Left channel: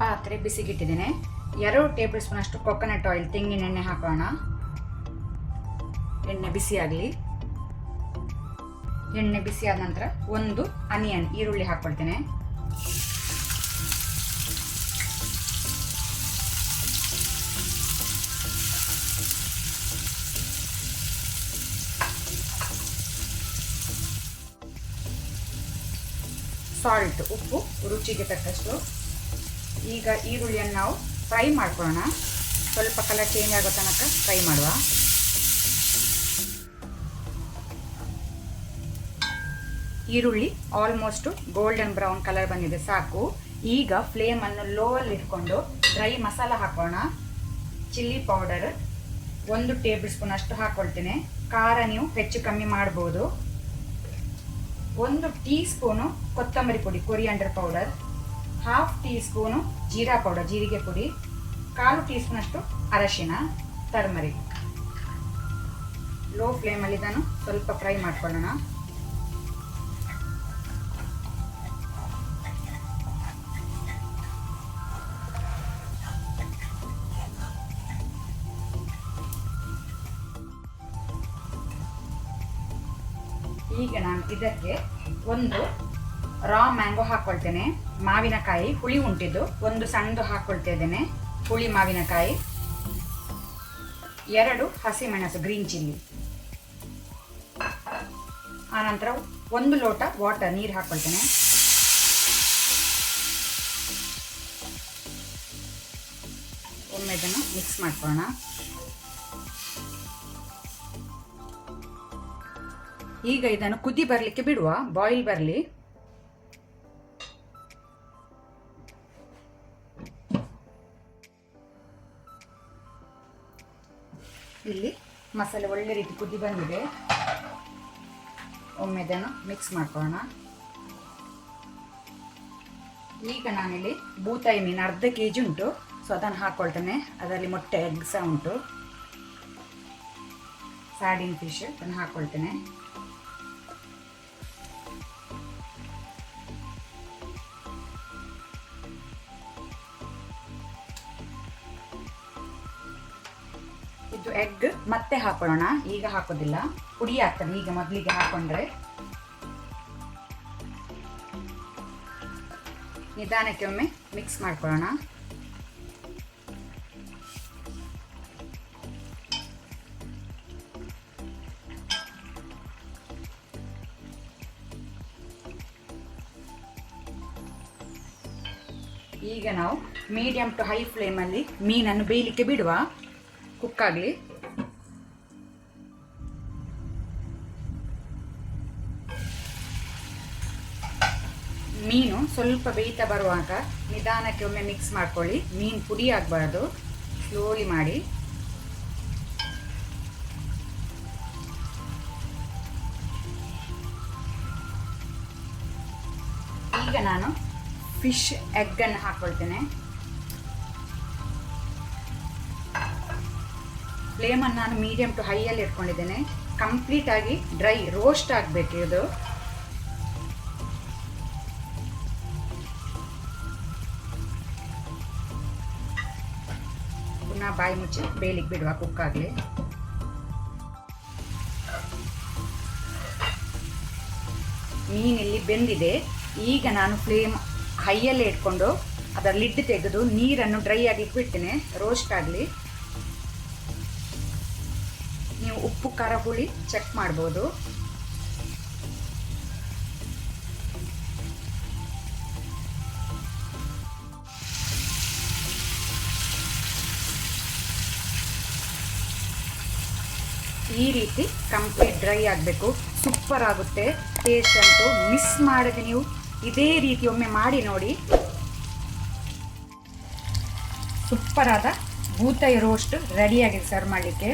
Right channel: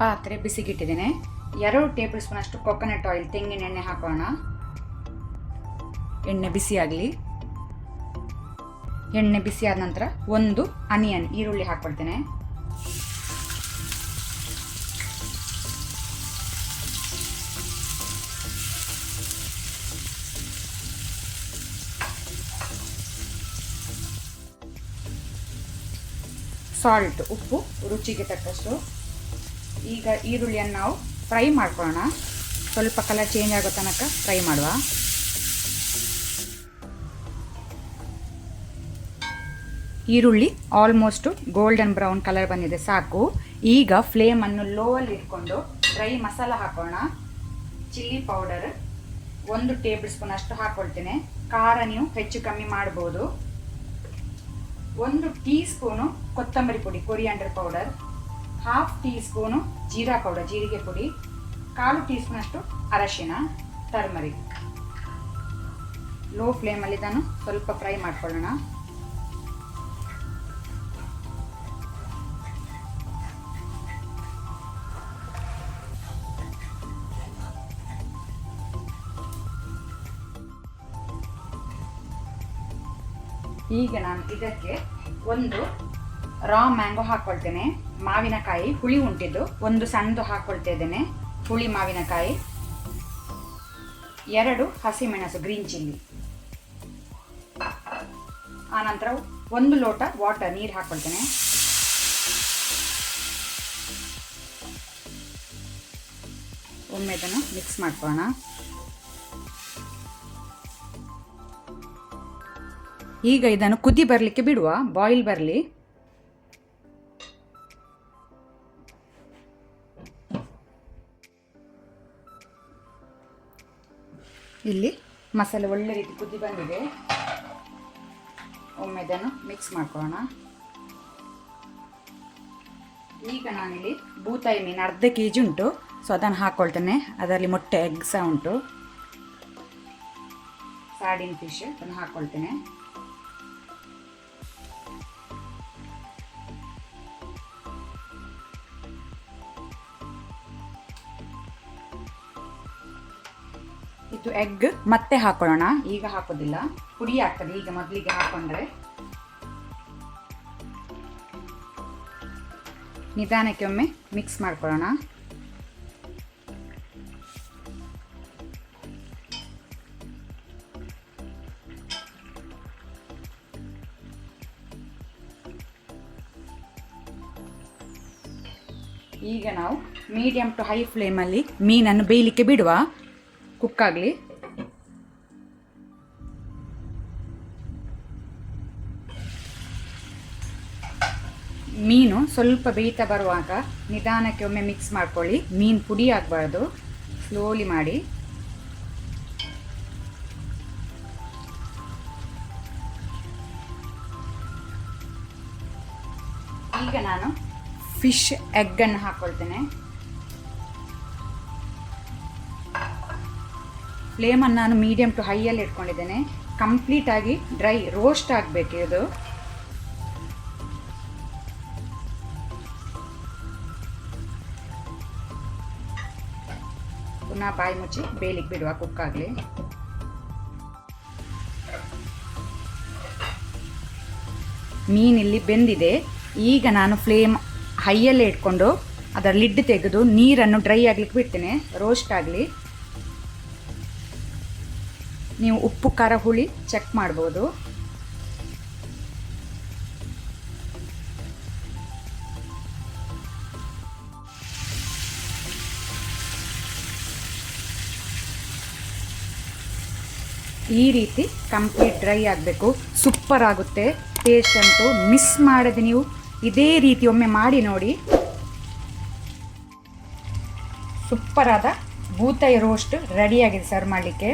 ಪಾತ್ರೆ ಬಿಸಿಗಿಟ್ಟಿದ್ದೇನೆ. 2 table spoon ಅಷ್ಟು coconut oil, ತೆಂಗಿನ ಎಣ್ಣೆ ಹಾಕೋಣ. ಎಣ್ಣೆ ಬಿಸಿಯಾಗಲಿ. ಎಣ್ಣೆ ಬಿಸಿಯಾದ ನಂತರ 1 ಆನಿಯನ್ ಈರುಳ್ಳಿ ಹಾಕ್ಕೊಳ್ತೇನೆ. ಸಾಲ್ಟ್, ಉಪ್ಪು ರುಚಿಗೆ ತಕ್ಕಷ್ಟು. ಈಗ ಈರುಳ್ಳಿಯನ್ನು ನಾವು ಫ್ರೈ ಮಾಡ್ಕೊಳ್ಳೋಣ. ಸ್ವಲ್ಪ ಕಲರ್ ಚೇಂಜ್ ಆಗೋ ತನಕ ಫ್ರೈ ಮಾಡುವ. ಈರುಳ್ಳಿ ಆಲ್ಮೋಸ್ಟ್ ಗೋಲ್ಡನ್ ಬ್ರೌನ್ ಕಲರ್ ಬಂದಿದೆ, ಸಾಕು. ಈಗ ಫ್ಲೇಮನ್ನು ಲೋವಲ್ಲಿ ಇಟ್ಕೊಂಡು ಡ್ರೈ ಮಸಾಲ ಹಾಕೋಣ. ಚಿಲ್ಲಿ ಪೌಡರ್ 1 ಟೇಬಲ್ ಸ್ಪೂನ್ ಅಷ್ಟು ಹಾಕ್ಕೊಳ್ತೇನೆ. ಖಾರ ನೀವು ಹೆಚ್ಚು ಕಮ್ಮಿ ಮಾಡ್ಬೋದು. 1 ಟೀ ಸ್ಪೂನು ಕೊತ್ತಂಬರಿ ಪುಡಿ, coriander powder. 1/2 tea spoon jeera powder, ಜೀರಿಗೆ ಪುಡಿ. 1/4 ಟೀ ಸ್ಪೂನ್ ಅಷ್ಟು ಅರಶಿನ, ಟರ್ಮರಿಕ್. ಲೋ ಫ್ಲೇಮಲ್ಲಿ ಇದನ್ನು ಸ್ವಲ್ಪ ಫ್ರೈ ಮಾಡ್ಕೊಳ್ಳೋಣ. ಈಗ ನಾನು ಇದಕ್ಕೆ 1 ರಾ ಮ್ಯಾಂಗೋ ಹಾಕ್ಕೊಳ್ತೇನೆ. ಮಾವಿನಕಾಯಿ ಹುಳಿ ಉಂಟಿದ್ದು 1 ಸಣ್ಣದು ಹಾಕ್ಕೊಳ್ತಾ ಇದ್ದೇನೆ. ಹುಳಿ ಮಾವಿನಕಾಯಿ. 2 ಹಸಿಮೆಣಸು, ಗ್ರೀನ್ ಚಿಲ್ಲಿ. ಆನಂತರ 1 ಲೋಟ ವಾಟರ್, ನೀರು ಹಾಕ್ಕೊಳ್ತೇನೆ. ಒಮ್ಮೆ ಇದನ್ನು ಮಿಕ್ಸ್ ಮಾಡ್ಕೊಳ್ಳೋಣ. ಈಗ ಇದನ್ನು ಕುದಿ ಬರಲಿಕ್ಕೆ ಬಿಡುವ, ಬಾಯ್ಲ್ ಬರಲಿ. ಇಲ್ಲಿ ಮಸಾಲೆ ಒಳ್ಳೆ ರೀತಿ ಕುದಿ ಬಂದಿದೆ. ಒಮ್ಮೆ ಇದನ್ನು ಮಿಕ್ಸ್ ಮಾಡ್ಕೊಳ್ಳೋಣ. ಈಗ ನಾನಿಲ್ಲಿ ಬೂತಾಯಿ ಮೀನು 1/2 kg ಉಂಟು, ಸೊ ಅದನ್ನು ಹಾಕ್ಕೊಳ್ತೇನೆ. ಅದರಲ್ಲಿ ಮೊಟ್ಟೆ, ಎಗ್ ಸಹ ಉಂಟು. ಸಾರ್ಡಿನ್ ಫಿಶ್ ಅದನ್ನು ಹಾಕ್ಕೊಳ್ತೇನೆ. ಇದು ಎಗ್ ಮತ್ತೆ ಹಾಕೊಳ್ಳೋಣ, ಈಗ ಹಾಕೋದಿಲ್ಲ, ಪುಡಿ ಆಗ್ತದೆ. ಈಗ ಮೊದಲಿಗೆ ಹಾಕೊಂಡ್ರೆ ನಿಧಾನಕ್ಕೆ ಒಮ್ಮೆ ಮಿಕ್ಸ್ ಮಾಡ್ಕೊಳ್ಳೋಣ. ಈಗ ನಾವು ಮೀಡಿಯಂ ಟು ಹೈ ಫ್ಲೇಮಲ್ಲಿ ಮೀನನ್ನು ಬೇಯಲಿಕ್ಕೆ ಬಿಡುವ, ಕುಕ್ ಆಗಲಿ. ಮೀನು ಸ್ವಲ್ಪ ಬೇಯ್ತಾ ಬರುವಾಗ ನಿಧಾನಕ್ಕೆ ಒಮ್ಮೆ ಮಿಕ್ಸ್ ಮಾಡ್ಕೊಳ್ಳಿ. ಮೀನು ಪುಡಿ ಆಗಬಾರ್ದು, ಸ್ಲೋಲಿ ಮಾಡಿ. ಈಗ ನಾನು ಫಿಶ್ ಎಗ್ಗನ್ನು ಹಾಕ್ಕೊಳ್ತೇನೆ. ಫ್ಲೇಮನ್ನು ನಾನು ಮೀಡಿಯಂ ಟು ಹೈಯಲ್ಲಿ ಇಟ್ಕೊಂಡಿದ್ದೇನೆ. ಕಂಪ್ಲೀಟಾಗಿ ಡ್ರೈ ರೋಸ್ಟ್ ಆಗಬೇಕು ಇದು. ಪುನಃ ಬಾಯಿ ಮುಚ್ಚಿ ಬೇಯಲಿಕ್ಕೆ ಬಿಡುವ, ಕುಕ್ ಆಗಲಿ. ಮೀನಿಲ್ಲಿ ಬೆಂದಿದೆ. ಈಗ ನಾನು ಫ್ಲೇಮ್ ಹೈಯಲ್ಲೇ ಇಟ್ಕೊಂಡು ಅದರ ಲಿಡ್ ತೆಗೆದು ನೀರನ್ನು ಡ್ರೈ ಆಗಲಿಕ್ಕೆ ಬಿಡ್ತೇನೆ, ರೋಸ್ಟ್ ಆಗಲಿ. ನೀವು ಉಪ್ಪು ಖಾರ ಹುಳಿ ಚೆಕ್ ಮಾಡ್ಬೋದು. ಈ ರೀತಿ ಕಂಪ್ಲೀಟ್ ಡ್ರೈ ಆಗಬೇಕು. ಸೂಪರ್ ಆಗುತ್ತೆ. ಟೇಸ್ಟ್ ಅಂತೂ ಮಿಸ್ ಮಾಡದೆ ನೀವು ಇದೇ ರೀತಿ ಒಮ್ಮೆ ಮಾಡಿ ನೋಡಿ. ಸೂಪರಾದ ಬೂತಾಯಿ ರೋಸ್ಟ್ ರೆಡಿಯಾಗಿದೆ ಸರ್ವ್ ಮಾಡಲಿಕ್ಕೆ.